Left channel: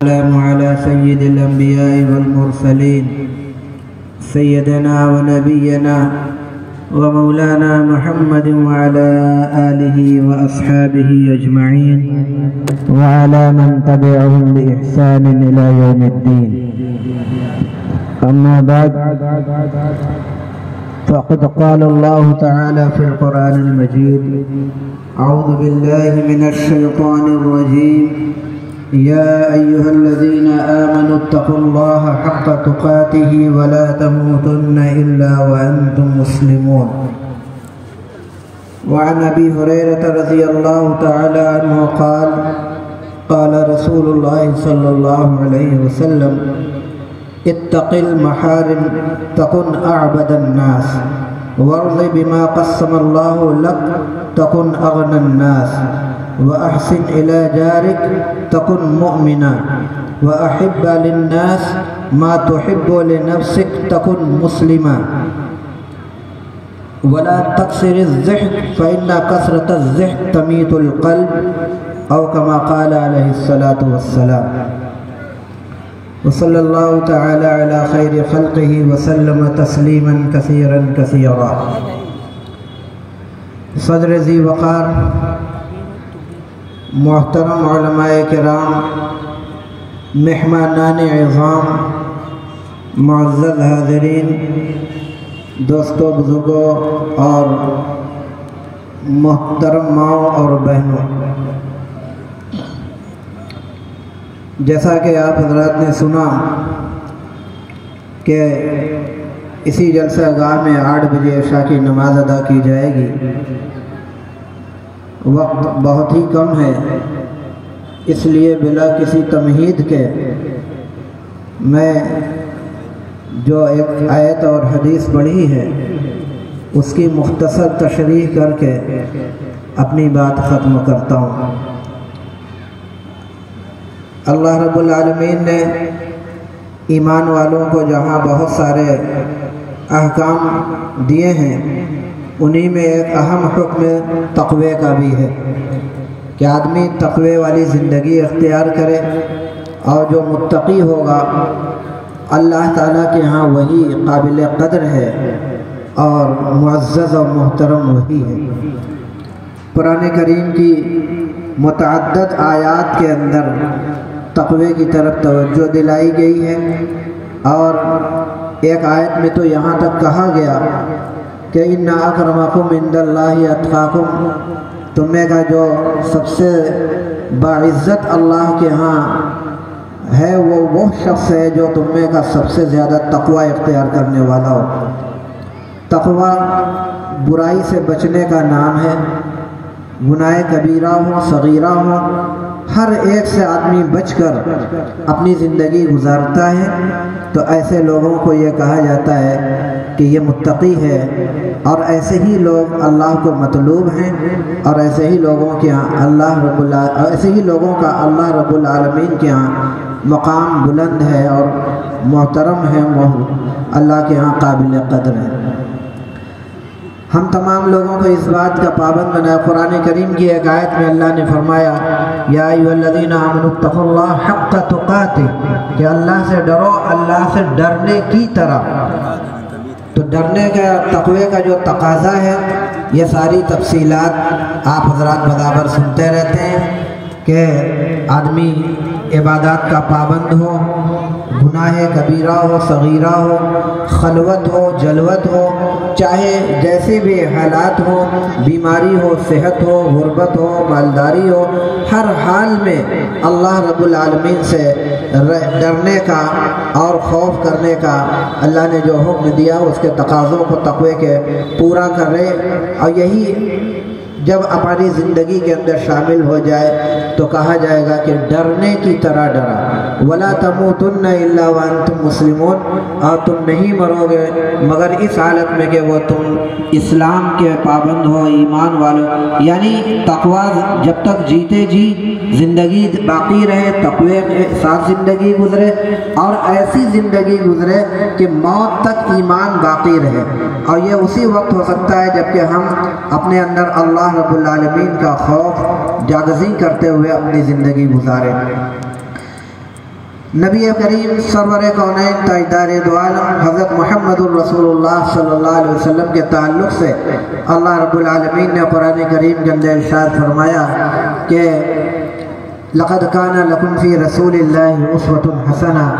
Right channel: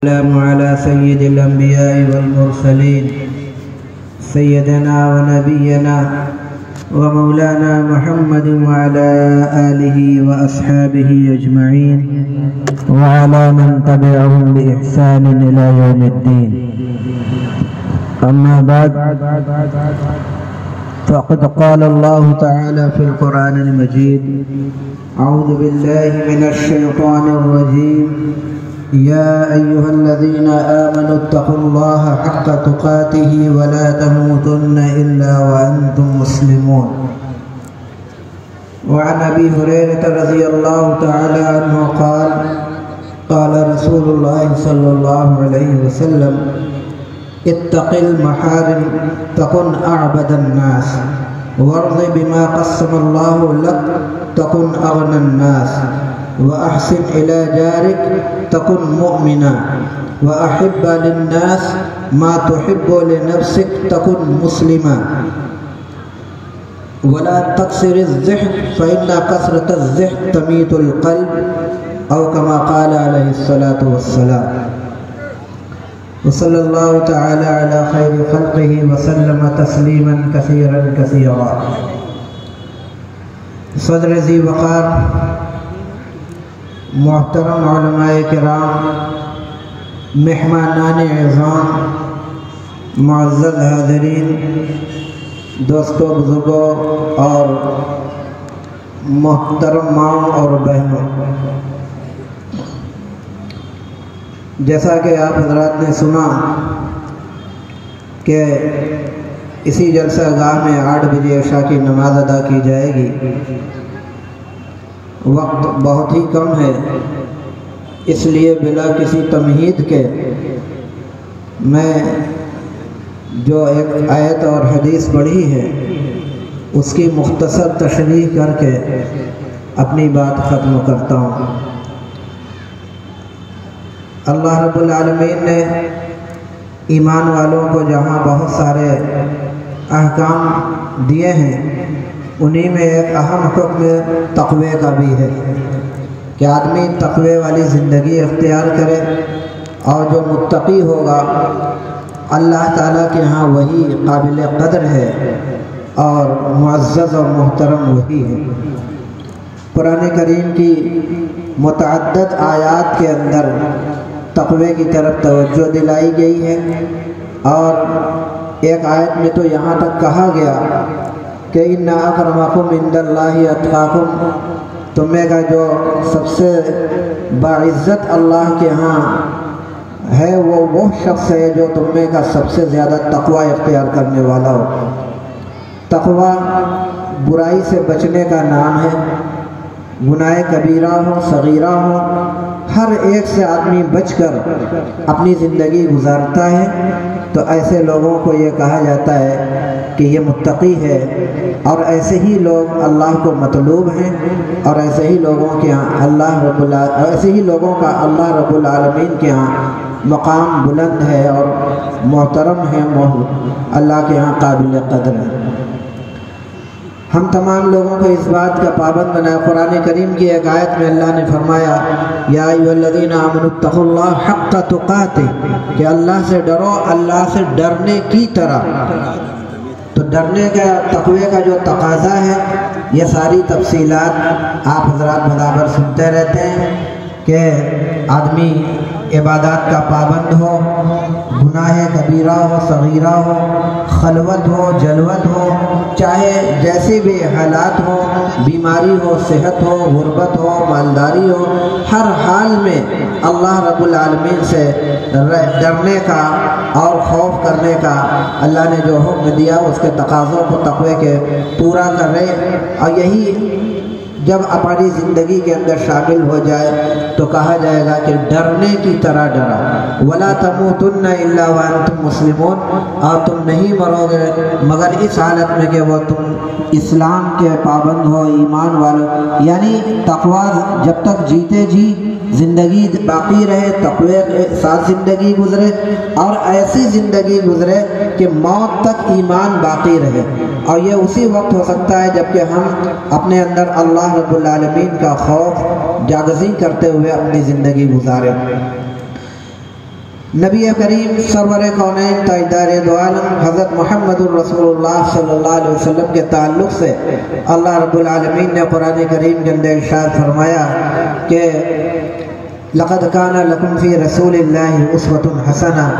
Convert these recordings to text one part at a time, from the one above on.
السلام على سيد الأنبياء والمرسلين سيدنا ونبينا ومولانا محمد وعلى آله وأصحابه أجمعين وعلى من تبعهم بإحسان إلى يوم الدين. أما بعد، فقد قال الله تعالى في القرآن المجيد: أعوذ بالله من الشيطان الرجيم. يا أيها الذين آمنوا اتقوا الله حق تقاته ولا تموتن إلا وأنتم مسلمون. وعن أبي هريرة رضي الله تعالى عنه قال: قال رسول الله صلى الله عليه وسلم: اتق المحارم تكن أعبد الناس، وارض بما قسم الله لك تكن أغنى الناس، وأحسن إلى جارك تكن مؤمنا، وأحب للناس ما تحب لنفسك تكن مسلما، ولا تكسر الضحك فإن كثرة الضحك تميت القلب، أو كما قال عليه الصلاة والسلام. وصلى الله تعالى على خير خلقه وسلم تسليما كثيرا كثيرا. صدر ذی وقار، محترم علماء کرام، مہمانان عظام، معزز حاضرین، دوستوں، بزرگوں اور محترم ماؤں اور بہنوں، جیسا کہ آپ حضرات نے سنا کہ اسی جلسہ گاہ میں 8 بجے عشاء کی نماز ادا کی جائے گی. وقت بہت ہی کم ہے، اس لیے بلا کسی تمہید کے میں جو ایک آیت اور حدیث پڑھی ہے اس کی مختصر تشریح کر کے اپنی بات ختم کرتا ہوں. اللہ رب العالمین نے ایمان والوں کو جہاں بہت سارے احکام دیے ہیں، انہی میں ایک اہم حکم تقوی کا بھی ہے کہ آدمی تقوی والی زندگی اختیار کرے، اور جو متقی ہوگا اللہ تعالیٰ کے ہاں وہی قابل قدر ہے اور معزز اور محترم وہی ہے. قرآن کریم کی متعدد آیات کے اندر تقوی کی طرف توجہ دلائی گئی ہے، اور ایک آیت میں تو یہاں تک کہا گیا کہ اِنَّ أَكْرَمَكُمْ عِندَ اللَّهِ أَتْقَاكُمْ، تمہیں کا جو سب سے باعزت اللہ کے ہاں ہے وہ شخص ہے جو تمہیں کا سب سے زیادہ تقوی اختیار کرنے والا ہو. تقوی برائی سے بچنے کا نام ہے. گناہ کبیرہ ہو صغیرہ ہو، ہر ایک سے آدمی بچ کر اپنی زندگی گزارتا ہے، تو ایسے لوگوں کو یہ کہا جاتا ہے کہ یہ متقی ہے، اور ایسے ہی لوگ اللہ کو مطلوب ہیں، اور ایسے ہی لوگوں کے ہاں اللہ رب العالمین کے ہاں مقام بلند ہے اور محترم ہے، اللہ کے ہاں قابل قدر ہے. ہم تمام لوگوں کو اس بات کا پابند بنائے. قرآن کریم کی ایک آیت میں اللہ نے فرمایا: یا ایھا الذین آمنوا اتقوا اللہ حق تقاتہ، کہ اللہ سے ڈرو اللہ سے ڈرنے کی طرح. تو ڈرنے کا تقوی کا جو تقاضا ہے، یہ ساری تفصیلات آپ حضرات برابر سنتے رہتے ہیں کہ آدمی عبادات کا پابند ہو، گناہ کبیرہ ہو صغیرہ ہو، خلوت ہو جلوت ہو، چاہے جیسے بھی حالات ہو، بیماری ہو صحت ہو غربت ہو مالداری ہو، ہر حال میں اللہ رب العالمین سے ڈرنے کا اور خوف کرنے کا اللہ نے جو حکم دیا اس کے تقاضوں کو تقوی کے پورا کرے. اور یہی جب اپنی زندگی کے اندر شامل ہو جائے تو کہا جائے گا کہ ڈرنے کی طرح ڈرا. وَلَا تَمُوتُنَّ إِلَّا وَأَنْتُمْ مُسْلِمُونَ، اور تم نہیں مرو گے مگر اس حالت میں کہ وہ تم اسلام کے پابند ہو، ایمان والو. یعنی تقوی جب تک جیتے جی زندگی باقی رہے، تقوی کے ساتھ زندگی گزرے، اور ایسی زندگی گزرے کہ موت تک ایمان باقی رہے. اور یہ اسی وقت ہو سکتا ہے جب کہ ہم اپنے اندر اللہ رب العالمین کا خوف جاگزی کرتے ہوئے اپنی زندگی گزارے. نبی کریم سرور کونین تاجدار دو عالم حضرت محمد الرسول اللہ صلی اللہ علیہ وسلم کے تعلق سے اللہ رب العالمین نے قرآن کریم کے اندر ارشاد فرمایا کہ لقد کان لکم فی رسول اللہ اسوۃ حسنہ،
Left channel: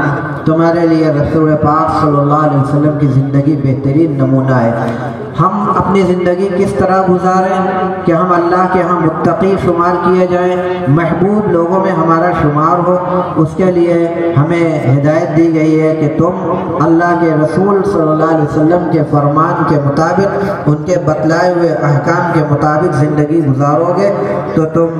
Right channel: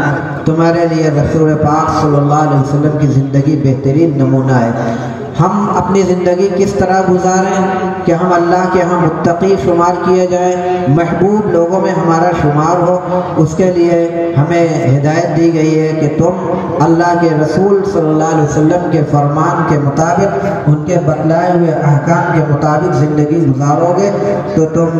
تمہارے لیے رسول پاک صلی اللہ علیہ وسلم کی زندگی بہترین نمونہ ہے۔ ہم اپنی زندگی کس طرح گزاریں کہ ہم اللہ کے ہاں متقی شمار کیے جائیں، محبوب لوگوں میں ہمارا شمار ہو، اس کے لیے ہمیں ہدایت دی گئی ہے کہ تم اللہ کے رسول صلی اللہ علیہ وسلم کے فرمان کے مطابق، ان کے بتلائے ہوئے احکام کے مطابق زندگی گزارو گے تو تم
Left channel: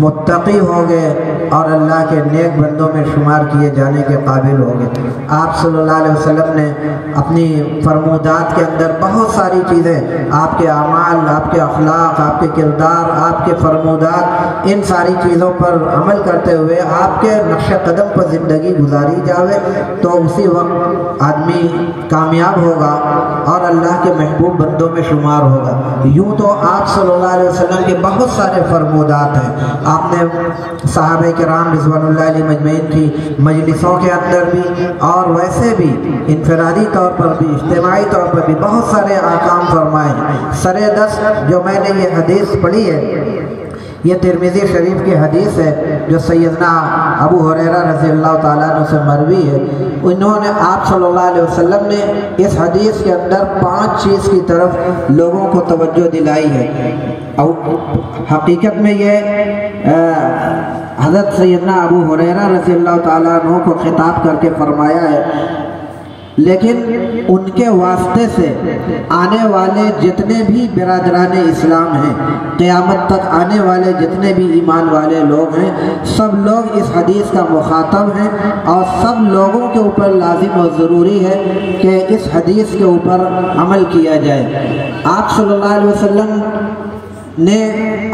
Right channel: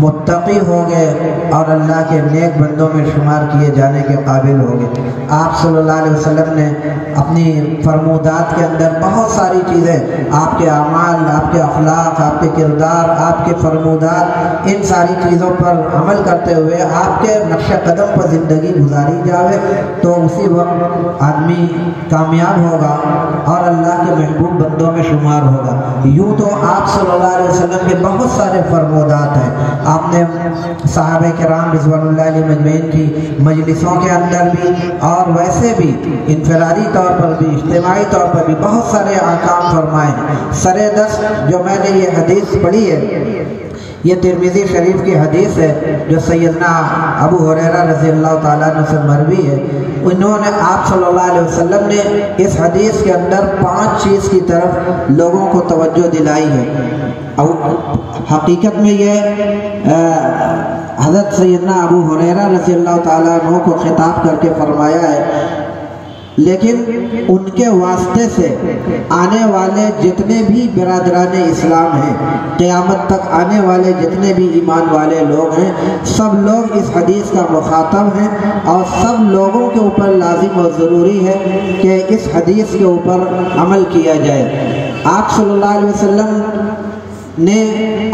متقی ہوگے اور اللہ کے نیک بندوں میں شمار کیے جانے کے قابل ہوگے۔ آپ صلی اللہ علیہ وسلم نے اپنی فرمودات کے اندر بہت ساری چیزیں، آپ کے اعمال، آپ کے اخلاق، آپ کے کردار، آپ کے فرمودات، ان ساری چیزوں پر عمل کرتے ہوئے آپ کے نقش قدم پر زندگی گزاری جاوے تو اسی وقت آدمی کامیاب ہوگا اور اللہ کے محبوب بندوں میں شمار ہوگا۔ یوں تو آپ صلی اللہ علیہ وسلم کے بہت سارے فرمودات ہیں، آپ نے صحابہ کرام رضوان اللہ علیہ مجمعین کی مجلسوں کے اندر بھی اور ویسے بھی انفرادی طور پر بھی اجتماعی طور پر بھی بہت سارے احکام فرمائے ہیں۔ سرے دس جو میں نے یہ حدیث پڑھی ہے، یہ ترمذی شریف کی حدیث ہے جو سیدنا ابو ہریرہ رضی اللہ تعالیٰ عنہ سے مروی ہے۔ انہوں نے آپ صلی اللہ علیہ وسلم نے اس حدیث کے اندر 5 چیز کی طرف لوگوں کو توجہ دلائی ہے۔ حقیقت میں یہ حضرت سیدنا ابو ہریرہ رضی اللہ تعالیٰ عنہ کو خطاب کر کے فرمایا ہے، لیکن ان کے واسطے سے آنے والے جتنے بھی برادران اسلام ہیں، قیامت تک آنے والے جتنے بھی ایمان والے لوگ ہیں، سب لوگ اس حدیث کا مخاطب ہیں اور سب لوگوں کے اوپر لازم و ضروری ہے کہ اس حدیث کے اوپر عمل کیا جائے۔ آپ صلی اللہ علیہ وسلم نے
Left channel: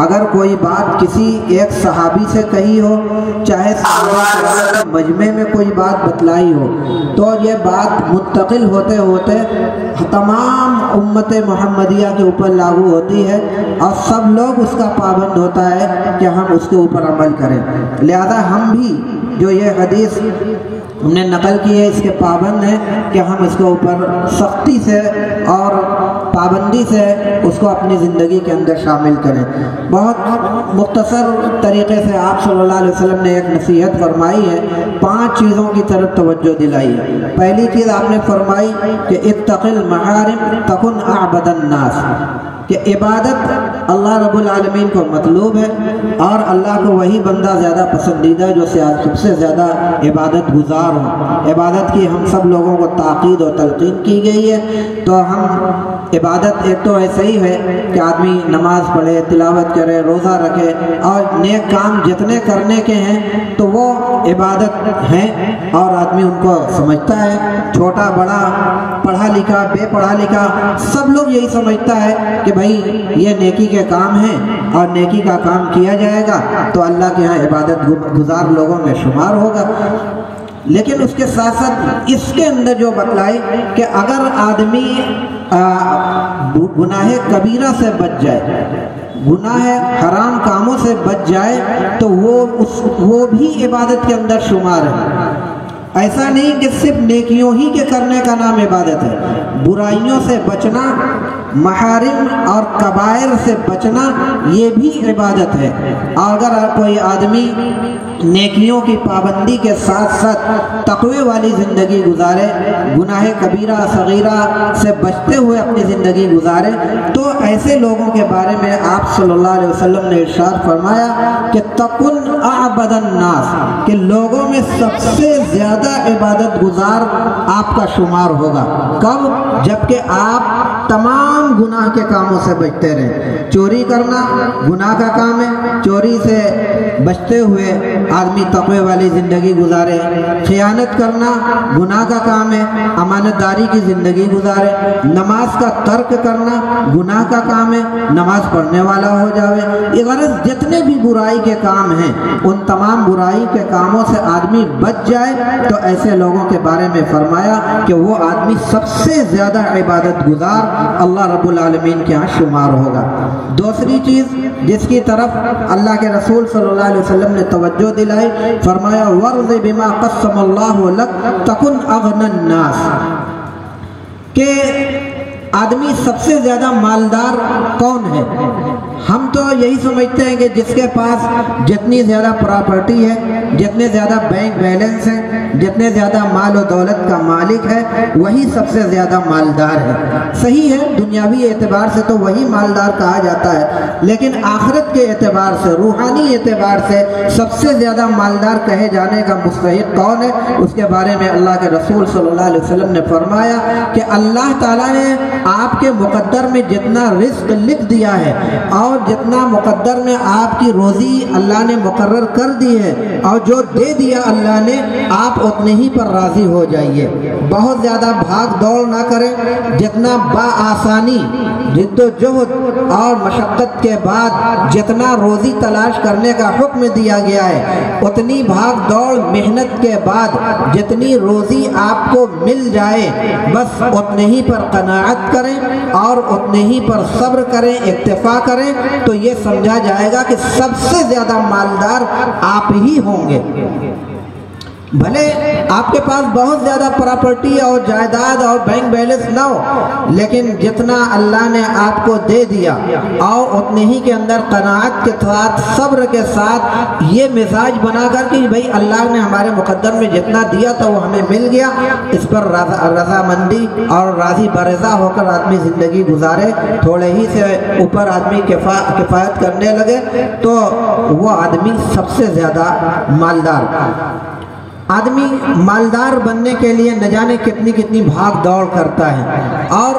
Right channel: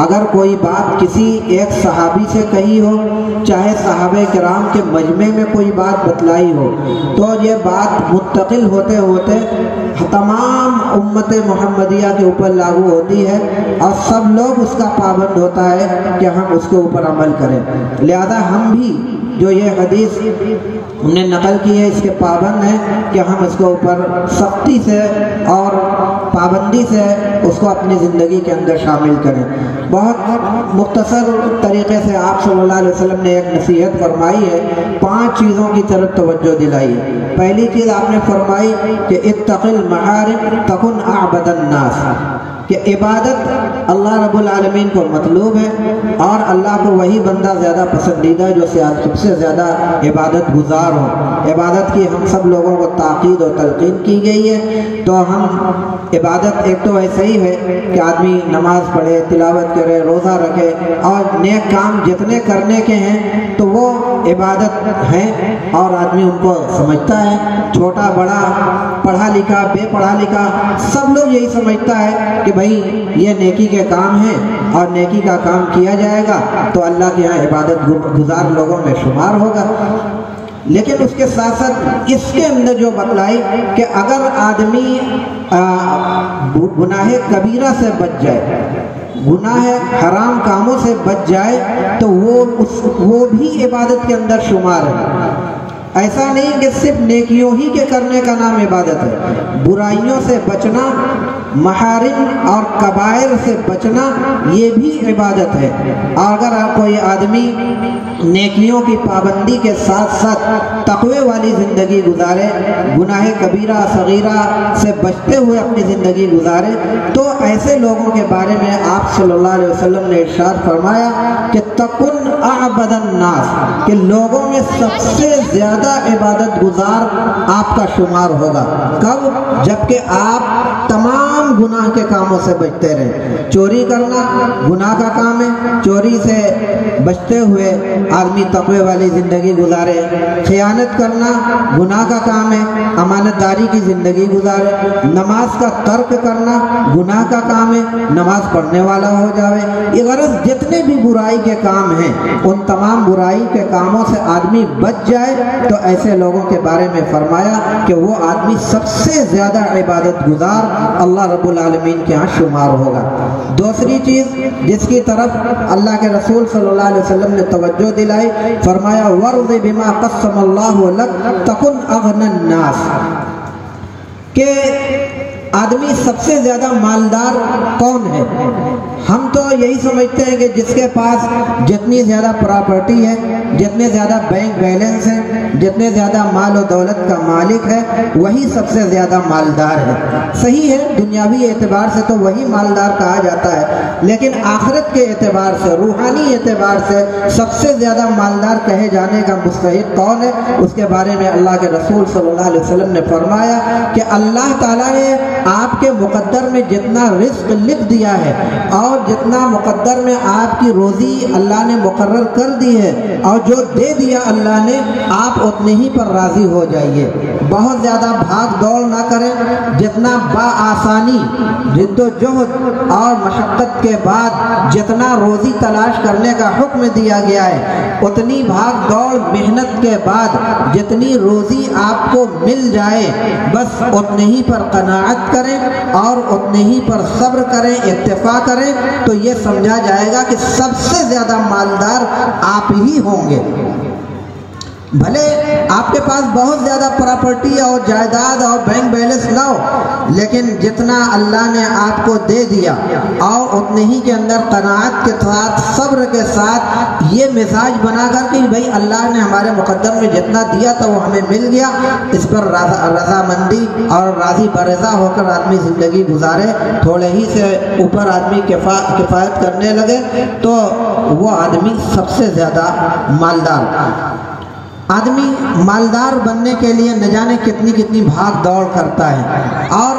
اگر کوئی بات کسی ایک صحابی سے کہی ہو، چاہے صحابہ کرام کے مجمع میں کوئی بات بتلائی ہو، تو یہ بات منتقل ہوتے ہوتے تمام امت محمدیہ کے اوپر لاگو ہوتی ہے اور سب لوگ اس کا پابند ہوتا ہے کہ ہم اس کے اوپر عمل کریں۔ لہذا ہم بھی جو یہ حدیث ہم نے نقل کی ہے اس کے پابند ہیں کہ ہم اس کے اوپر سختی سے اور پابندی سے اس کو اپنی زندگی کے اندر شامل کریں۔ بہت مختصر طریقے سے آپ صلی اللہ علیہ وسلم نے ایک نصیحت فرمائی ہے، 5 چیزوں کی طرف توجہ دلائی ہے۔ پہلی چیز آپ نے فرمائی کہ اتق المحارم تکن اعبد الناس، کہ عبادت اللہ رب العالمین کو مطلوب ہے اور اللہ کو وہی بندہ زیادہ پسندیدہ ہے جو سب سے زیادہ عبادت گزار ہو۔ عبادت کی ہم سب لوگوں کو تاکید و تلقین کی گئی ہے، تو ہم عبادت ایک تو ایسے ہی ہے کہ آدمی نماز پڑھے، تلاوت کرے، روزہ رکھے اور نیک کام جتنے کرنے کے ہیں تو وہ عبادت ہیں اور آدمی ان کو سمجھتا ہے، چھوٹا بڑا، پڑھا لکھا، بے پڑھا لکھا، سب لوگ یہی سمجھتا ہے کہ بھائی یہ نیکی کے کام ہیں اور نیکی کا کام کیا جائے گا تو اللہ کے ہاں عبادت گزار لوگوں میں شمار ہوگا۔ لیکن اس کے ساتھ ساتھ اس کے اندر جو بتلائی کہ اگر آدمی گناہ کبیرہ سے بچ جائے، گناہ حرام کاموں سے بچ جائے تو وہ بھی عبادت کے اندر شمار ہے۔ ایسا نہیں کہ صرف نیکیوں ہی کے کرنے کا نام عبادت ہے، برائیوں سے بچنا، محارم اور کبائر سے بچنا یہ بھی عبادت ہے۔ اور اگر کوئی آدمی نیکیوں کی پابندی کے ساتھ ساتھ تقوی والی زندگی گزارے، گناہ کبیرہ صغیرہ سے بچتے ہوئے اپنی زندگی گزارے، تو ایسے لوگوں کے بارے میں آپ صلی اللہ علیہ وسلم نے ارشاد فرمایا کہ تکن اعبد الناس، کہ لوگوں میں سب سے زیادہ عبادت گزار آپ کا شمار ہوگا۔ کب؟ جبکہ آپ تمام گناہ کے کاموں سے بچتے رہیں۔ چوری کرنا گناہ کا کام ہے، چوری سے بچتے ہوئے آدمی تقوی والی زندگی گزارے۔ خیانت کرنا گناہ کا کام ہے، امانت داری کی زندگی گزارے۔ نماز کا ترک کرنا گناہ کا کام ہے، نماز پڑھنے والا ہو جاوے۔ یہ غرض جتنے بھی برائی کے کام ہیں ان تمام برائی کے کاموں سے آدمی بچ جائے تو ایسے لوگوں کے بارے میں فرمایا کہ وہ آدمی سب سے زیادہ عبادت گزار اللہ رب العالمین کے ہاں شمار ہوگا۔ دوسری چیز جس کی طرف اللہ کے رسول صلی اللہ علیہ وسلم نے توجہ دلائی، فرمایا وَرْضِ بِمَا قَسَّمَ اللَّهُ لَكَ تَكُنْ أَغْنَى النَّاسِ، کہ آدمی سب سے زیادہ مالدار کون ہے؟ ہم تو یہی سمجھتے ہیں کہ جس کے پاس جتنی زیادہ پراپرٹی ہے، جتنے زیادہ بینک بیلنس ہیں، جتنے زیادہ مال و دولت کا مالک ہے، وہی سب سے زیادہ مالدار ہے۔ صحیح ہے، دنیاوی اعتبار سے تو وہی مالدار کہا جاتا ہے، لیکن آخرت کے اعتبار سے، روحانی اعتبار سے سب سے زیادہ مالدار کہے جانے کا مستحق کون ہے؟ اس کے بارے میں اللہ کے رسول صلی اللہ علیہ وسلم نے فرمایا کہ اللہ تعالیٰ نے آپ کے مقدر میں جتنا رزق لکھ دیا ہے اور جتنا مقدر میں آپ کی روزی اللہ نے مقرر کر دی ہے اور جو دے دیا اللہ نے، آپ اتنے ہی پر راضی ہو جائیے۔ بہت زیادہ بھاگ دوڑ نہ کریں، جتنا بآسانی جد و جہد اور مشقت کے بعد جتنا روزی تلاش کرنے کا حکم دیا گیا ہے، اتنی بھاگ دوڑ محنت کے بعد جتنی روزی آپ کو مل جائے، بس اتنے ہی پر قناعت کریں اور اتنے ہی پر صبر کریں، اکتفا کریں، تو یہ سمجھا جائے گا کہ سب سے زیادہ مالدار آپ ہی ہوں گے۔ بھلے آپ کے پاس بہت زیادہ پراپرٹی اور جائیداد اور بینک بیلنس نہ ہو، لیکن جتنا اللہ نے آپ کو دے دیا اور اتنے ہی کے اندر قناعت کے ساتھ، صبر کے ساتھ یہ مزاج بنا کر کہ بھئی اللہ نے ہمارے مقدر میں جتنا دیا تھا وہ ہمیں مل گیا، اس پر رضامندی اور راضی برضا ہو کر آدمی زندگی گزارے، تھوڑے ہی سے اوپر آدمی کفایت کرنے لگے، تو وہ آدمی سب سے زیادہ مالدار۔ آدمی مالدار بننے کے لیے نہ جانے کتنی کتنی بھاگ دوڑ کرتا ہے، اور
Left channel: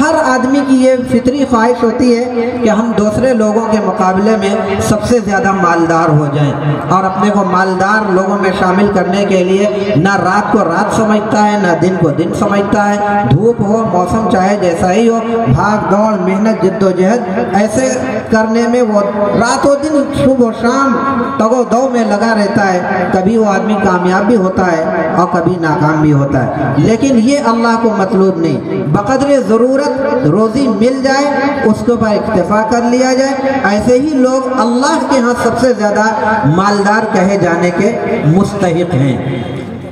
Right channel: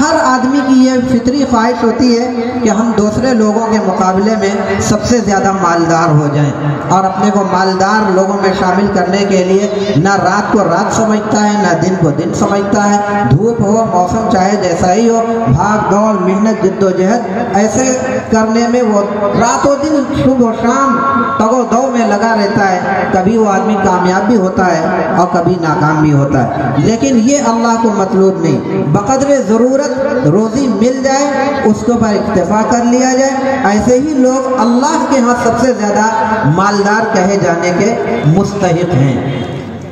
ہر آدمی کی یہ فطری خواہش ہوتی ہے کہ ہم دوسرے لوگوں کے مقابلے میں سب سے زیادہ مالدار ہو جائیں، اور اپنے کو مالدار لوگوں میں شامل کرنے کے لیے نہ رات کو رات سمجھتا ہے، نہ دن کو دن سمجھتا ہے، دھوپ ہو، موسم چاہے جیسا ہی ہو، بھاگ دوڑ، محنت، جد و جہد ایسے کرنے میں وہ رات و دن، صبح و شام تگ و دو میں لگا رہتا ہے۔ کبھی وہ آدمی کامیاب بھی ہوتا ہے اور کبھی ناکام بھی ہوتا ہے، لیکن یہ اللہ کو مطلوب نہیں۔ بقدر ضرورت روزی مل جائے، اس کے اوپر اکتفا کر لیا جائے، ایسے ہی لوگ اللہ کے ہاں سب سے زیادہ مالدار کہے جانے کے مستحق ہیں۔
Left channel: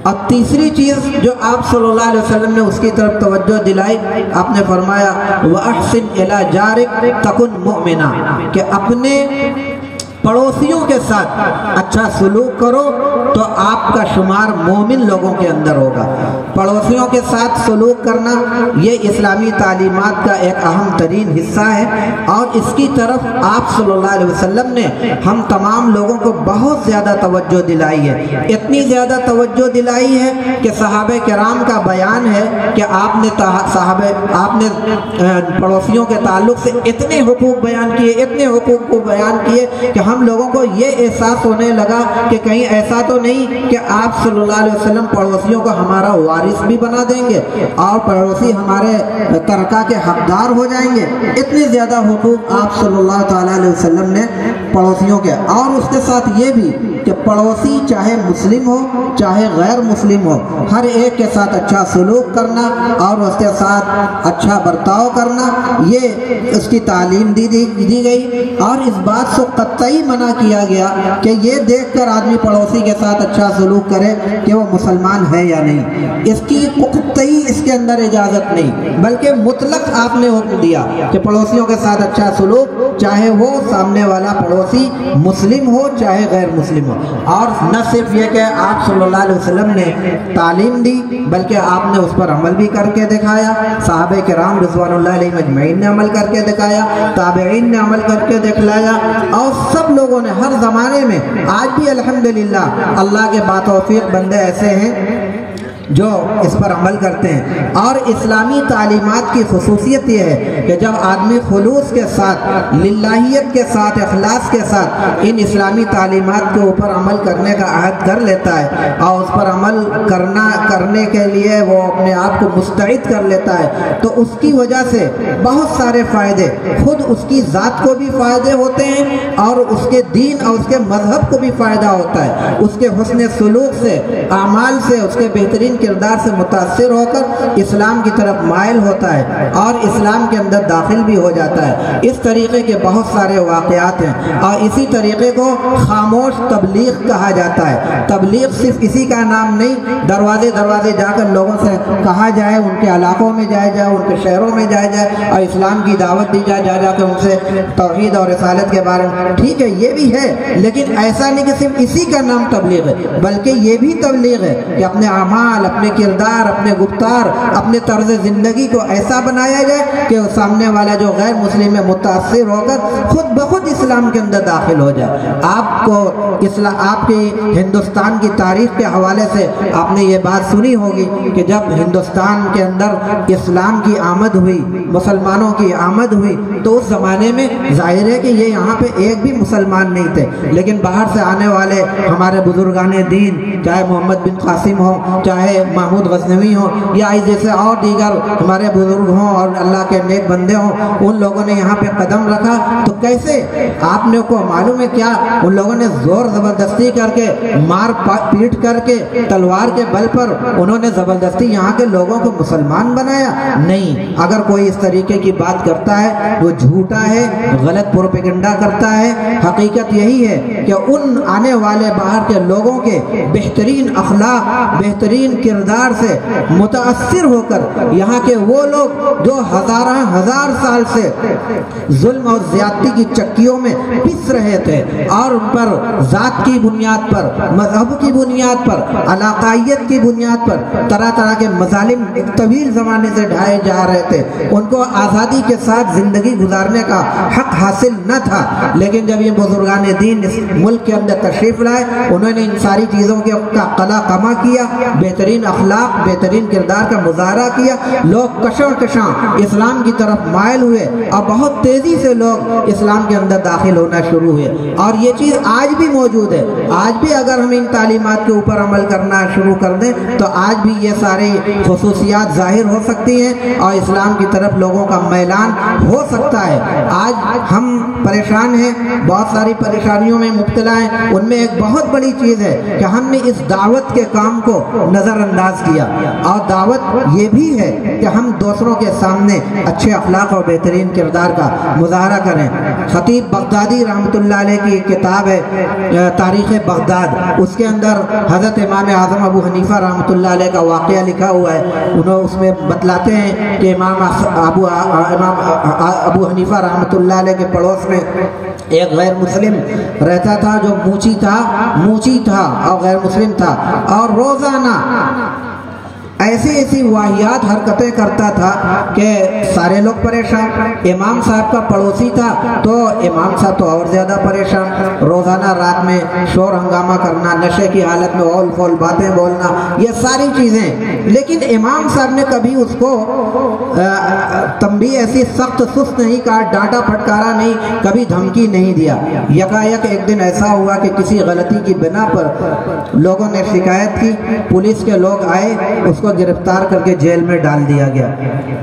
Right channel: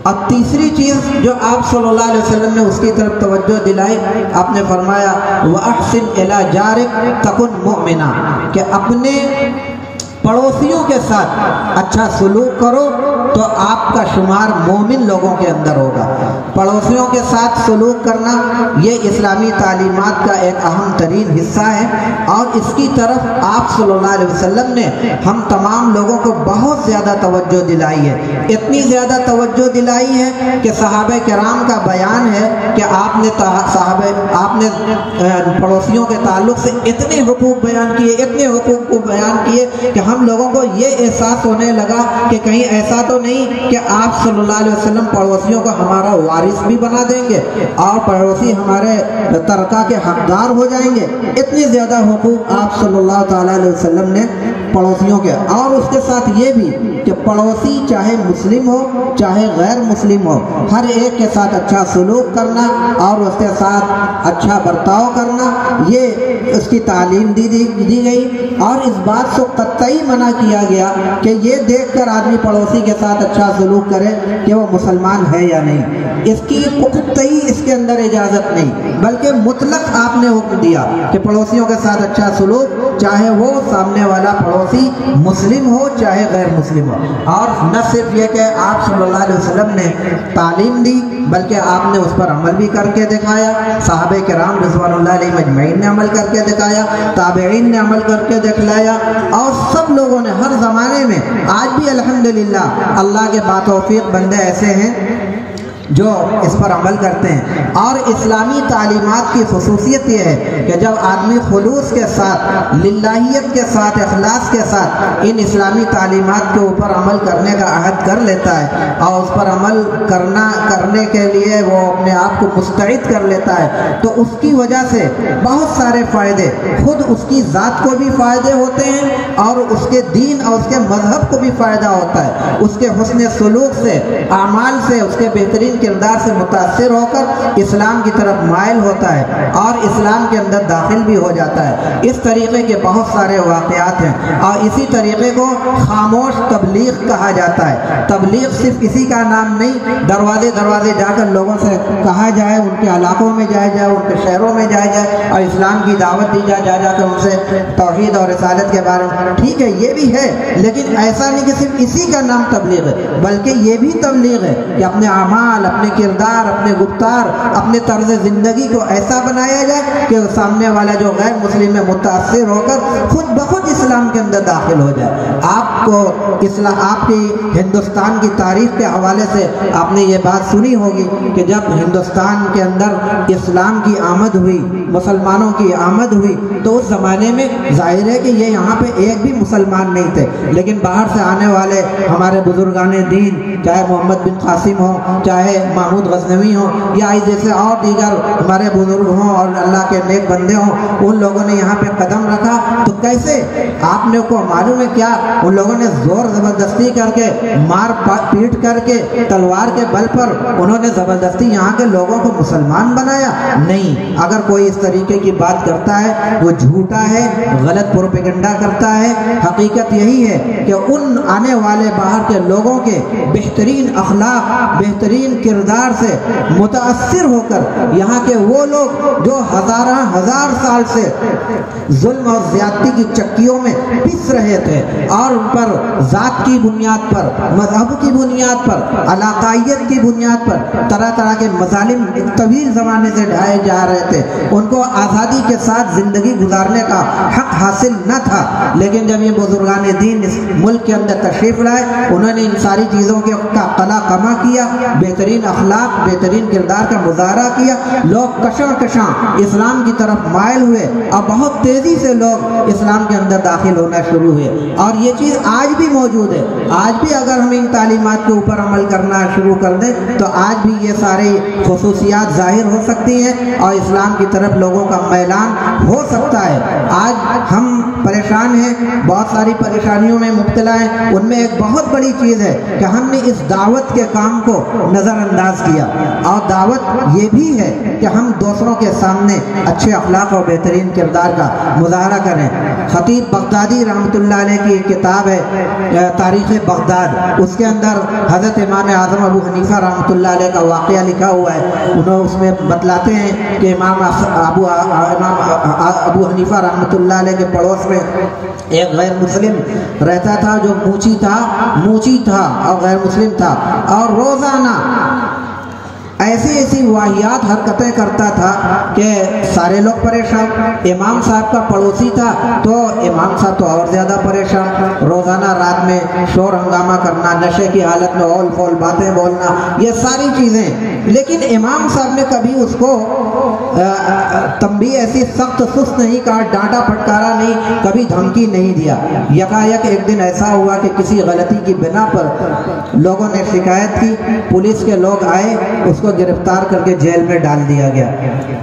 اور تیسری چیز جو آپ صلی اللہ علیہ وسلم نے اس کی طرف توجہ دلائی، آپ نے فرمایا وَأَحْسِنْ إِلَى جَارِكَ تَكُنْ مُؤْمِنًا، کہ اپنے پڑوسیوں کے ساتھ اچھا سلوک کرو تو آپ کا شمار مومن لوگوں کے اندر ہوگا۔ پڑوسیوں کے ساتھ سلوک کرنا یہ اسلامی تعلیمات کا ایک اہم ترین حصہ ہے، اور اس کی طرف آپ صلی اللہ علیہ وسلم نے ہم تمام لوگوں کو بہت زیادہ توجہ دلائی ہے۔ اتنی زیادہ توجہ دلائی ہے کہ صحابہ کرام کا بیان ہے کہ آپ نے پڑوسیوں کے تعلق سے اتنے حقوق بیان کیے، اتنے حقوق کو بیان کیے کہ ہم لوگوں کو یہ احساس ہونے لگا کہ کہیں ایسا تو نہیں کہ آپ صلی اللہ علیہ وسلم پڑوسیوں کو ہمارا وارث بھی بنا دیں گے اور پڑوسی ہمارے ترکہ کے حقدار ہو جائیں گے۔ اتنے زیادہ حقوق آپ صلی اللہ تعالیٰ علیہ وسلم نے پڑوسیوں کے، اور اس کے ساتھ یہ بھی کہ پڑوسی چاہے مسلم ہو چاہے غیر مسلم ہو، ہر ایک کے ساتھ اچھا سلوک کرنا اور اس کے ساتھ اچھا برتاؤ کرنا، یہ اس کی تعلیم دی گئی۔ اور اس بات سے قطعی منع کیا گیا کہ یہ دیکھ کر آدمی پڑوسی کے ساتھ اچھا سلوک کرے کہ وہ مسلمان ہے یا نہیں، اس کی قطعی اس کے اندر اجازت نہیں، بلکہ مطلق آپ نے حکم دیا کہ پڑوسیوں کے ساتھ اچھا سلوک، چاہے وہ سامنے والا پڑوسی مسلم ہو چاہے غیر مسلم ہو۔ اور نہ صرف یہ کہ آپ صلی اللہ علیہ وسلم نے تعلیم دی، بلکہ آپ نے اس پر عمل بھی کر کے دکھایا، صحابہ کرام رضوان اللہ علیہ مجمعین نے عمل کر کے دکھایا، تابعین نے عمل کر کے دکھلایا، اور سب لوگوں نے ہر زمانے میں، آج بھی الحمدللہ اللہ کے باتوفیق بندے ایسے ہیں جو اس پر عمل کرتے ہیں۔ اور اسلامی تعلیمات کی خصوصیت یہ ہے کہ جب آدمی خلوص کے ساتھ، للہیت کے ساتھ، اخلاص کے ساتھ ان اسلامی تعلیمات کے اوپر عمل کرنے کا عہد کر لیتا ہے اور اس پر عمل عمل کرنے کے لیے وہ اپنے آپ کو مستعد کر لیتا ہے تو اس کی وجہ سے بہت سارے فائدے، خود اس کی ذات کو بھی فائدے ہوتے ہیں اور اس کے دین اور اس کے مذہب کو بھی فائدہ ہوتا ہے، اس کے حسن سلوک سے، اعمال سے، اس کے بہترین کردار سے متاثر ہو کر اسلام کی طرف مائل ہوتا ہے اور اسلام کے اندر داخل بھی ہو جاتا ہے۔ اس طریقے کے بہت سارے واقعات ہیں اور اسی طریقے کو خاموش تبلیغ کہا جاتا ہے۔ تبلیغ صرف اسی کا نام نہیں، دروازے دروازے جا کر لوگوں سے کہا جائے، ان کے علاقوں میں جائے جائے، ان کے شہروں میں جائے جائے اور اسلام کی دعوت دی جائے، جا کر ان سے توحید اور رسالت کے بارے میں، ٹھیک ہے یہ بھی ہے، لیکن ایسا نہیں کہ صرف اسی کا نام تبلیغ ہے، بلکہ یہ بھی تبلیغ ہے کہ اپنے اعمال، اپنے کردار، اپنے گفتار، اپنے طرز زندگی کو ایسا بنایا جائے کہ سامنے والا جو غیر مسلم ہے متاثر ہو کر خود بخود اسلام کے اندر داخل ہو جائے۔ آپ کو آپ کی ہندوستان کی تاریخ کے حوالے سے آپ نے یہ بات سنی ہوگی کہ جب ہندوستان کے اندر اسلام کی آمد ہوئی، مسلمانوں کی آمد ہوئی، تو اس زمانے میں ظاہر ہے کہ یہ یہاں پہ ایک بھی مسلمان نہیں تھے، لیکن باہر سے آنے والے ہمارے بزرگان دین، چاہے محمد بن قاسم ہوں، چاہے محمود غزنوی ہوں، یا جیسے اور دیگر ہمارے بزرگ ہوں اور اللہ کے نیک بندے ہوں، ان لوگوں نے یہاں پہ قدم رکھا تو کیسے آپ نے کو معلوم ہے کیا ان لوگوں نے زور زبردستی کر کے، مار پیٹ کر کے، تلوار کے بل پر انہوں نے زبردستی یہاں کے لوگوں کو مسلمان بنایا؟ نہیں، اگر کوئی اس طریقے کی بات کرتا ہے وہ جھوٹا ہے، غلط پروپیگنڈا کرتا ہے۔ حقیقت یہی ہے کہ ان آنے والے باہر کے لوگوں کے بہترین اخلاق، بہترین کردار سے متاثر ہو کر یہاں کے وہ لوگ جو ہزار سال سے ظلم اور زیادتی کی چکیوں میں پس رہے تھے اور ان پر ذات کی بنیاد پر، مذہب کی بنیاد پر، علاقائیت کی بنیاد پر طرح طرح کے مظالم ایک طویل زمانے سے ڈھائے جا رہے تھے، ان کو آزادی کے ساتھ زندگی گزارنے کا حق حاصل نہ تھا، لیکن جب یہ بزرگان دین اس ملک کے اندر تشریف لائے، انہوں نے ان ساری چیزوں کے قلع قمع کیا، بہترین اخلاق، بہترین کردار کا مظاہرہ کیا، لوگ کشاں کشاں اسلام کی طرف مائل ہوئے اور بہت تیزی سے لوگ اسلام کے اندر داخل ہونا شروع ہوئے۔ اور یہ چیز آج بھی موجود ہے، آج بھی اگر ہم ان تعلیمات کے اوپر عمل کرنا شروع کر دیں تو آج بھی یہ سارے خصوصیات ظاہر ہو سکتی ہیں اور اسلام کی طرف لوگوں کا میلان ہو سکتا ہے۔ آج ہم پریشان ہیں، بہت ساری پریشانیوں میں مبتلا ہیں، ان میں ایک بہت بڑی چیز ہے کہ ہم نے اس دعوت کے کام کو نظر انداز کیا، اور دعوت یہ بھی ہے کہ ہم دوسروں کے سامنے اچھے اخلاق اور بہترین کردار کا مظاہرہ کریں۔ خطیب بغدادی رحمۃ اللہ علیہ کی کتاب ہے تاریخ بغداد، اس کے اندر حضرت امام اعظم ابو حنیفہ رحمۃ اللہ علیہ کا واقعہ لکھا ہوا ہے۔ انہوں اس میں بتلاتے ہیں کہ امام ابو حنیفہ رحمۃ اللہ علیہ کے پڑوس میں ایک غیر مسلم رہتا تھا جو موچی تھا اور غیر مسلم تھا، اور روزانہ ایسی واہیات حرکتیں کرتا تھا کہ سارے لوگ پریشان۔ امام صاحب کا پڑوسی تھا تو امام صاحب تو اور زیادہ پریشان، روزانہ رات میں شور ہنگامہ کرنا، نشے کی حالت میں اول فول باتیں بولنا، یہ ساری چیزیں۔ لیکن امام صاحب نے کبھی اس کو تنبیہ ایسی سخت سست نہیں کہا، ڈانٹا پھٹکارا نہیں، کبھی دھمکی نہیں دیا۔ یکایک ایک دن ایسا ہوا کہ کسی غلطی کی بنا پر لوگوں نے شکایت کی، پولیس کے لوگ آئے، اس کو گرفتار کر کے جیل میں ڈال دیا گیا۔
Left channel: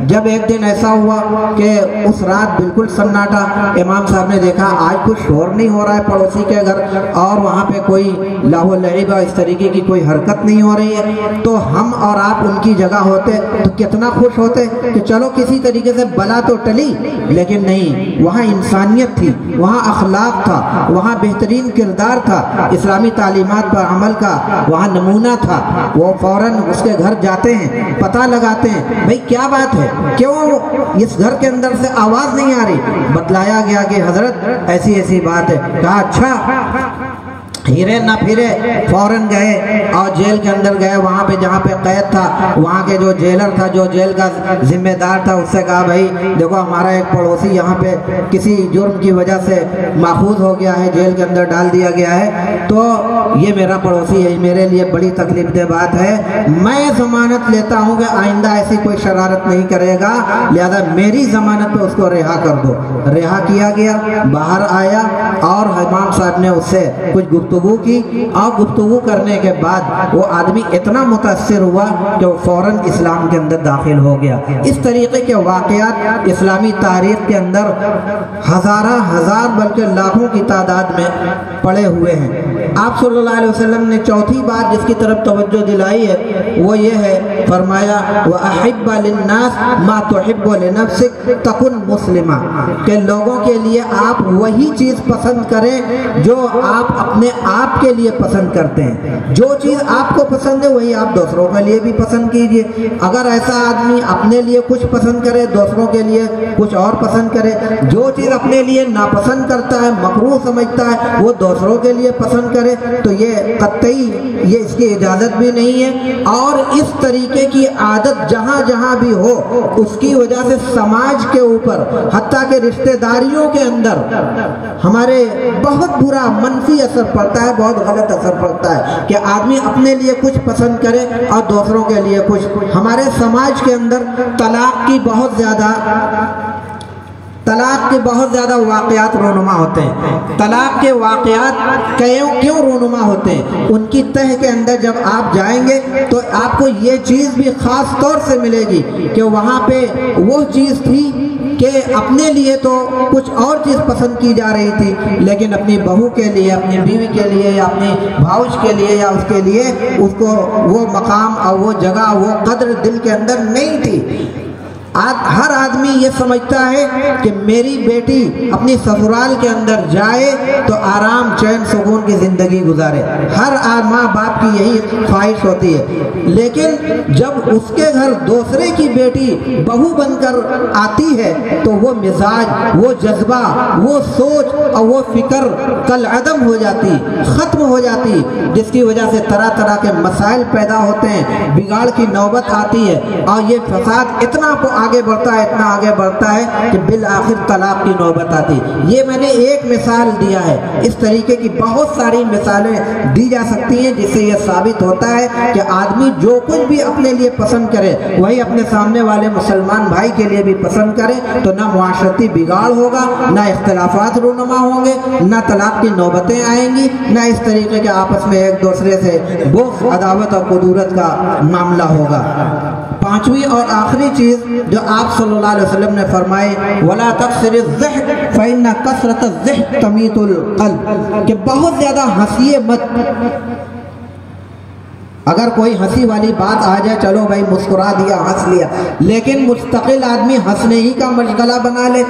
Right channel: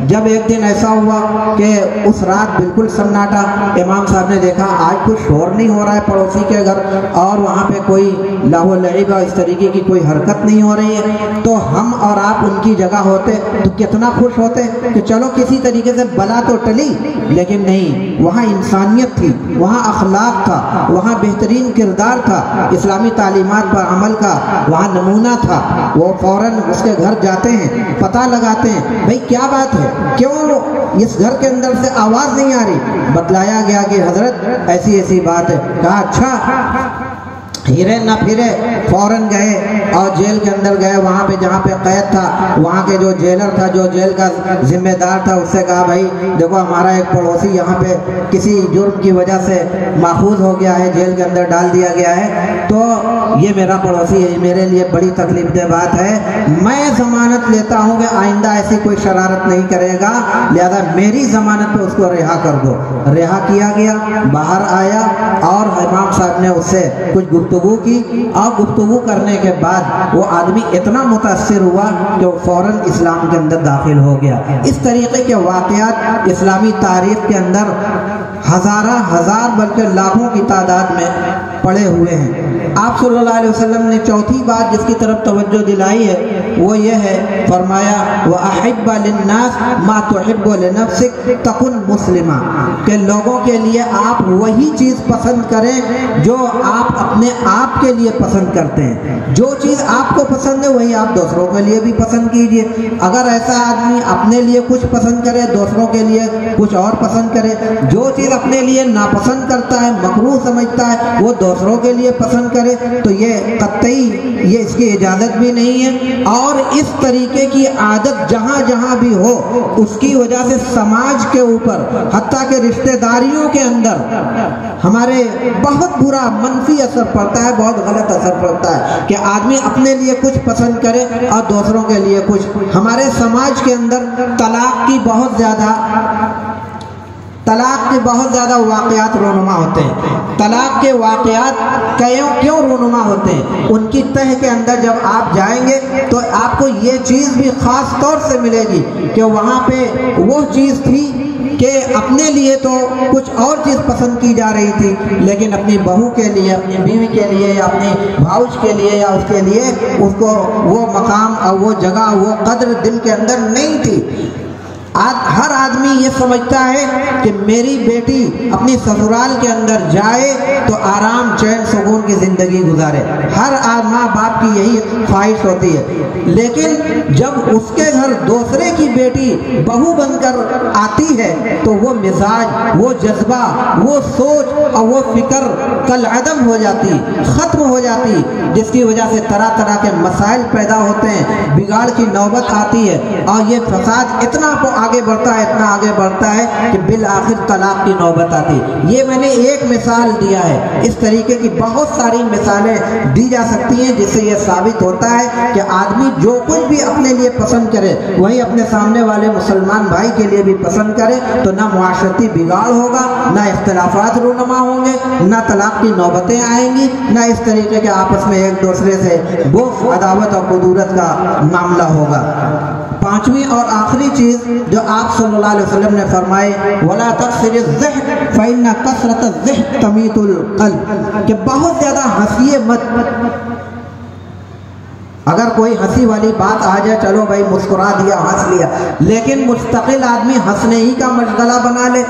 جب ایک دن ایسا ہوا کہ اس رات بالکل سناٹا، امام صاحب نے دیکھا آج کچھ شور نہیں ہو رہا ہے پڑوسی کے گھر، اور وہاں پہ کوئی لاہو لعب اس طریقے کی کوئی حرکت نہیں ہو رہی ہے، تو ہم اور آپ ان کی جگہ ہوتے تو کتنا خوش ہوتے کہ چلو کسی طریقے سے بلا تو ٹلی۔ لیکن نہیں، وہاں انسانیت تھی، وہاں اخلاق تھا، وہاں بہترین کردار تھا، اسلامی تعلیمات پر عمل کا وہاں نمونہ تھا۔ وہ فوراً اس کے گھر جاتے ہیں، پتہ لگاتے ہیں بھئی کیا بات ہے، کیوں اس گھر کے اندر سے آواز نہیں آ رہی؟ بتلایا گیا کہ حضرت ایسی بات ہے۔ کہا اچھا، ہیرے نہ پھرے، فوراً گئے اور جیل کے اندر گئے، وہاں پہ جہاں پہ قید تھا، وہاں کے جو جیلر تھا، جو جیل کا ذمہ دار تھا، اس سے کہا بھائی دیکھو ہمارا ایک پڑوسی یہاں پہ کسی جرم کی وجہ سے ماخوذ ہو گیا ہے، جیل کے اندر ڈال دیا گیا ہے، تو یہ میرا پڑوسی ہے، میرے لیے بڑی تکلیف دہ بات ہے، میں ضمانت لیتا ہوں کہ آئندہ ایسی کوئی شرارت نہیں کرے گا، لہذا میری ضمانت پہ اس کو رہا کر دو۔ رہا کیا گیا، باہر آیا اور امام صاحب نے اس سے کچھ گفتگو گفتگو کی، اور گفتگو کرنے کے بعد وہ آدمی اتنا متاثر ہوا کہ وہ فوراً اسلام کے اندر داخل ہو گیا۔ اس طریقے کے واقعات اسلامی تاریخ کے اندر ہزار بلکہ لاکھوں کی تعداد میں پڑے ہوئے ہیں۔ آپ صلی اللہ علیہ وسلم نے چوتھی بات جس کی طرف توجہ دلائی ہے وہ یہ ہے، فرمایا وَأَحِبَّ لِلنَّاسِ مَا تُحِبُّ لِنَفْسِكَ تَكُنْ مُسْلِمًا، کہ لوگوں کے لیے آپ وہی چیز پسند کریں جو آپ اپنے آپ کے لیے پسند کرتے ہیں۔ جو چیز آپ کو پسند ہے وہی آپ دوسروں کے لیے بھی پسند کیجئے۔ اگر ایسا آدمی اپنے لیے کچھ پسند کرے، دوسروں کے لیے کچھ اور پسند کرے، جو چیز اپنے لیے ناپسند کرتا ہے، مکروہ سمجھتا ہے، وہ دوسروں کے لیے پسند کرے، تو یہ قطعی یہ اس کی اجازت بھی نہیں ہے۔ اور اس طریقے کی عادت جہاں جہاں بھی ہو، اس کی وجہ سے سماج کے اوپر، حتیٰ کہ رشتہ داریوں کے اندر ہمارے بہت برا منفی اثر پڑتا ہے، بہت غلط اثر پڑتا ہے کہ آدمی اپنے لیے کچھ پسند کرے اور دوسروں کے لیے کچھ۔ ہمارے سماج کے اندر طلاق کے بہت زیادہ واقعات رونما ہوتے ہیں۔ طلاق کے واقعات کیوں رونما ہوتے ہیں؟ ان کی تہ کے اندر جب آپ جائیں گے تو آپ کو یہ چیز بھی خاص طور سے ملے گی کہ وہاں پہ وہ چیز تھی کہ اپنے لیے تو کچھ اور چیز پسند کی جا رہی تھی، لیکن اپنی بہو کے لیے، اپنی بیوی کے لیے، یا اپنی بھاؤج کے لیے، یا اس کے لیے اس کو وہ مقام اور وہ جگہ، وہ قدر دل کے اندر نہیں تھی۔ ہر آدمی یہ سمجھتا ہے کہ میری بیٹی اپنی سسرال کے اندر جائے تو آرام چین سکون کی زندگی گزارے، ہر ماں باپ کی یہی خواہش ہوتی ہے۔ لیکن جب اس کے گھر دوسرے کی بیٹی بہو بن کر آتی ہے تو وہ مزاج، وہ جذبہ، وہ سوچ اور وہ فکر کالعدم ہو جاتی، ختم ہو جاتی، جس کی وجہ سے طرح طرح کے مسائل پیدا ہوتے ہیں، بگاڑ کی نوبت آتی ہے، اور یہ فساد اتنا آگے بڑھتا ہے کہ بالآخر طلاق کی نوبت آتی۔ یہ میں نے ایک مثال دیا ہے، اس طریقے کی بہت ساری مثالیں دی جا سکتی ہیں جس سے یہ ثابت ہوتا ہے کہ آدمی جو کچھ بھی اپنے لیے پسند کرے وہی اپنے سامنے والے مسلمان بھائی کے لیے بھی پسند کرے، تو نہ معاشرتی بگاڑ ہوگا، نہ اختلافات رونما ہوں گے، نہ طلاق کی نوبتیں آئیں گی، نہ اس طریقے کے آپس میں ایک دوسرے سے بغض، عداوت اور قدورت کا معاملہ ہوگا۔ پانچویں اور آخری چیز جو آپ صلی اللہ علیہ وسلم نے فرمائے، وَلَا تَكْثِرِ الضِّحْكَ فَإِنَّ كَثْرَةَ الضِّحْكِ تَمِيتُ الْقَلْبَ، کہ بہت زیادہ ہنسیے مت۔ اگر کوئی ہنسی والی بات آ جائے، چلو بھائی مسکرا دیا، ہنس لیا، لیکن مستقل آدمی ہنسنے ہی کا مشغلہ بنا لے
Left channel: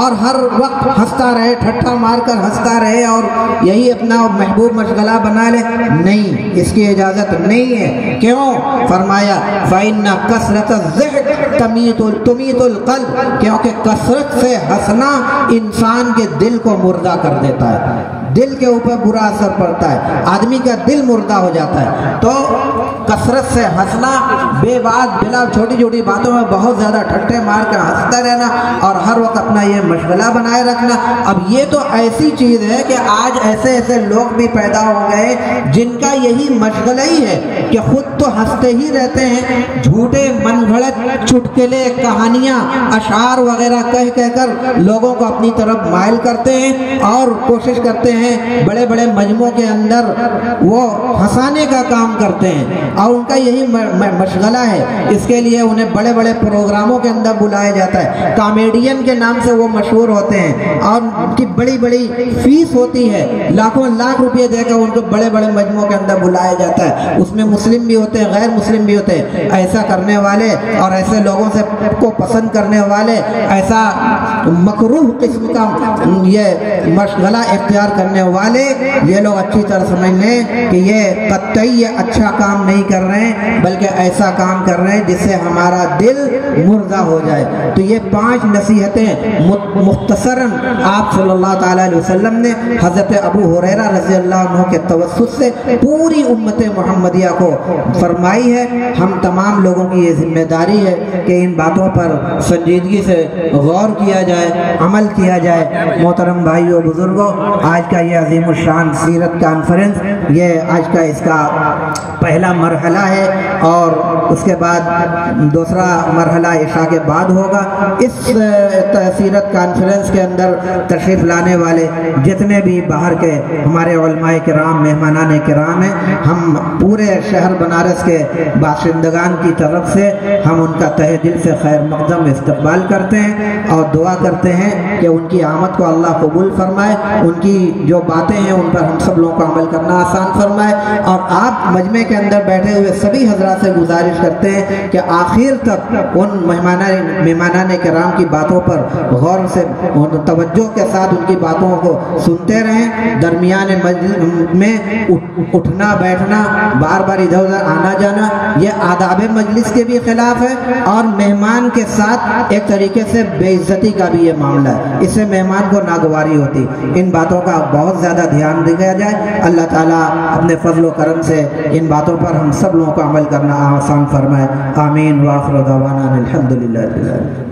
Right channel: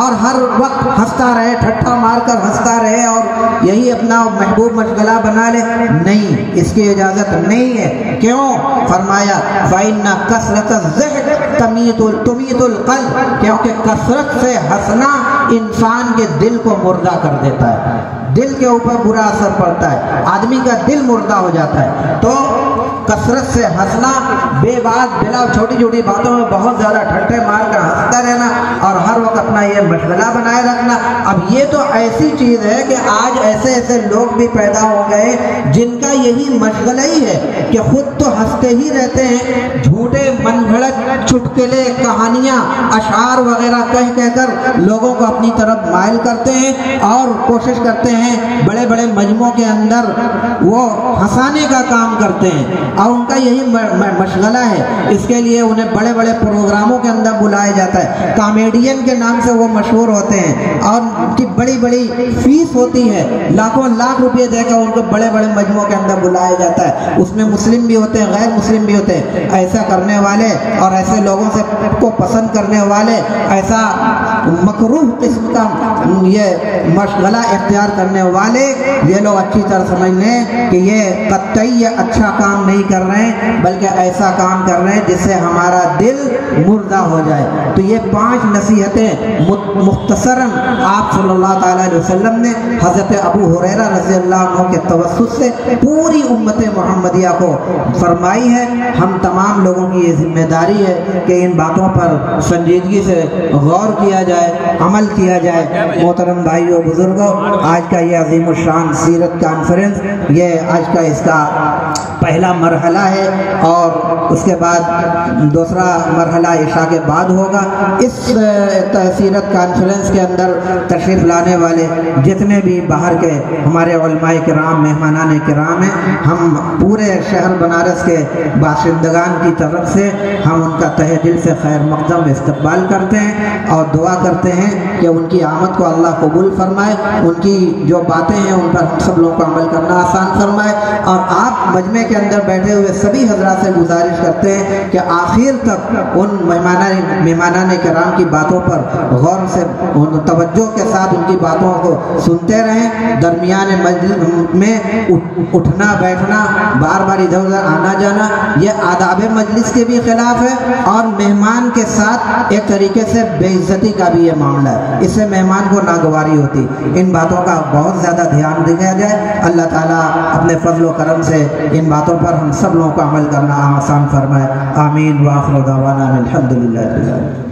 اور ہر وقت ہنستا رہے، ٹھٹھا مار کر ہنستا رہے اور یہی اپنا محبوب مشغلہ بنا لے، نہیں، اس کی اجازت نہیں ہے۔ کیوں؟ فرمایا فَإِنَّ كَثْرَةَ الضِّحْكِ تُمِيتُ الْقَلْبَ، کیونکہ کثرت سے ہنسنا انسان کے دل کو مردہ کر دیتا ہے، دل کے اوپر برا اثر پڑتا ہے، آدمی کا دل مردہ ہو جاتا ہے۔ تو کثرت سے ہنسنا، بے بات بلا چھوٹی چھوٹی باتوں میں بہت زیادہ ٹھٹے مار کر ہنستا رہنا اور ہر وقت اپنا یہ مشغلہ بنائے رکھنا، اب یہ تو ایسی چیز ہے کہ آج ایسے ایسے لوگ بھی پیدا ہو گئے جن کا یہی مشغلہ ہی ہے کہ خود تو ہنستے ہی رہتے ہیں، جھوٹے من گھڑت چٹکلے، کہانیاں، اشعار وغیرہ کہہ کر لوگوں کو اپنی طرف مائل کرتے ہیں اور کوشش کرتے ہیں بڑے بڑے مجموعوں کے اندر وہ ہنسانے کا کام کرتے ہیں، اور ان کا یہی مشغلہ ہے۔ اس کے لیے انہیں بڑے بڑے پروگراموں کے اندر بلایا جاتا ہے، کامیڈین کے نام سے وہ مشہور ہوتے ہیں اور ان کی بڑی بڑی فیس ہوتی ہے، لاکھوں لاکھ روپے دے کر ان کو بڑے بڑے مجموعوں کے اندر بلایا جاتا ہے۔ اس میں مسلم بھی ہوتے ہیں، غیر مسلم بھی ہوتے ہیں۔ ایسا کرنے والے اور ایسے لوگوں سے کو پسند کرنے والے، ایسا مکروہ قسم کا یہ مشغلہ اختیار کرنے والے، یہ لوگ اچھی طرح سمجھ لیں کہ یہ قطعی اچھا کام نہیں کر رہے ہیں، بلکہ ایسا کام کر رہے ہیں جس سے ہمارا دل مردہ ہو جائے۔ تو یہ 5 نصیحتیں مختصراً آپ صلی اللہ تعالیٰ علیہ وسلم نے حضرت ابو ہریرہ رضی اللہ عنہ کے توسط سے پوری امت محمدیہ کو فرمائی ہے۔ ہم تمام لوگوں کی یہ ذمہ داری ہے کہ ان باتوں پر سنجیدگی سے غور کیا جائے، عمل کیا جائے۔ محترم بھائیوں، بزرگوں، آج کا یہ عظیم الشان سیرت کانفرنس، یہ آج کا اس کا پہلا مرحلہ ہے، اور اس کے بعد دوسرا مرحلہ عشاء کے بعد ہوگا۔ اس سیرت کانفرنس کے اندر تشریف لانے والے جتنے بھی باہر کے ہمارے علماء کرام، مہمانان کرام ہیں، ہم پورے شہر بنارس کے باشندگان کی طرف سے ہم ان کا تہہ دل سے خیر مقدم استقبال کرتے ہیں اور دعا کرتے ہیں کہ ان کی آمد کو اللہ قبول فرمائے، ان کی جو باتیں ہیں ان پر ہم سب لوگوں کو عمل کرنا آسان فرمائے۔ اور آپ مجمع کے اندر بیٹھے ہوئے سبھی حضرات سے گزارش کرتے ہیں کہ آخر تک ان مہمانان کرام کی باتوں پر غور سے توجہ کے ساتھ ان کی باتوں کو سنتے رہیں۔ درمیان مجلس میں اٹھنا بیٹھنا، بار بار ادھر ادھر آنا جانا، یہ آداب مجلس کے بھی خلاف ہے، اور مہمان کے ساتھ ایک طریقے سے بے عزتی کا بھی یہ معاملہ ہے، اس سے مہمان کو ناگواری ہوتی۔ ان باتوں کا بہت زیادہ دھیان دیا جائے۔ اللہ تعالیٰ اپنے فضل و کرم سے ان باتوں پر ہم سب لوگوں کو عمل کرنا آسان فرمائے۔ آمین۔ وآخر دعوانا الحمدللہ رب العالمین۔